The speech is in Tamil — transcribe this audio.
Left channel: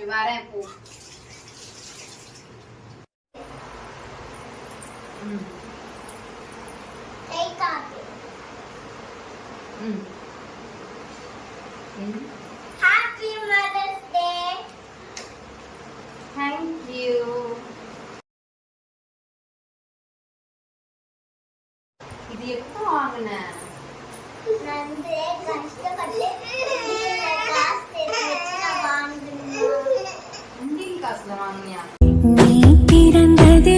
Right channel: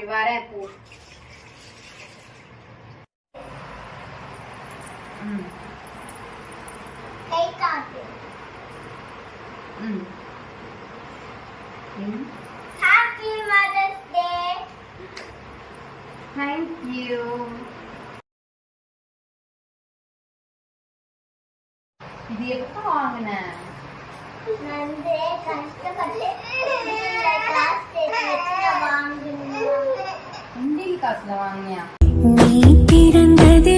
சரி வரேன் பூ. கை காட்டு. Happy Mother's Day. Thank you. இது எப்போ வாங்குன? நான் கஷ்டப்பட்டு காசு சேர்த்து வச்சு வாங்கினேன். உண்டியல் காசுல வாங்கினியா? நீ பிறந்தது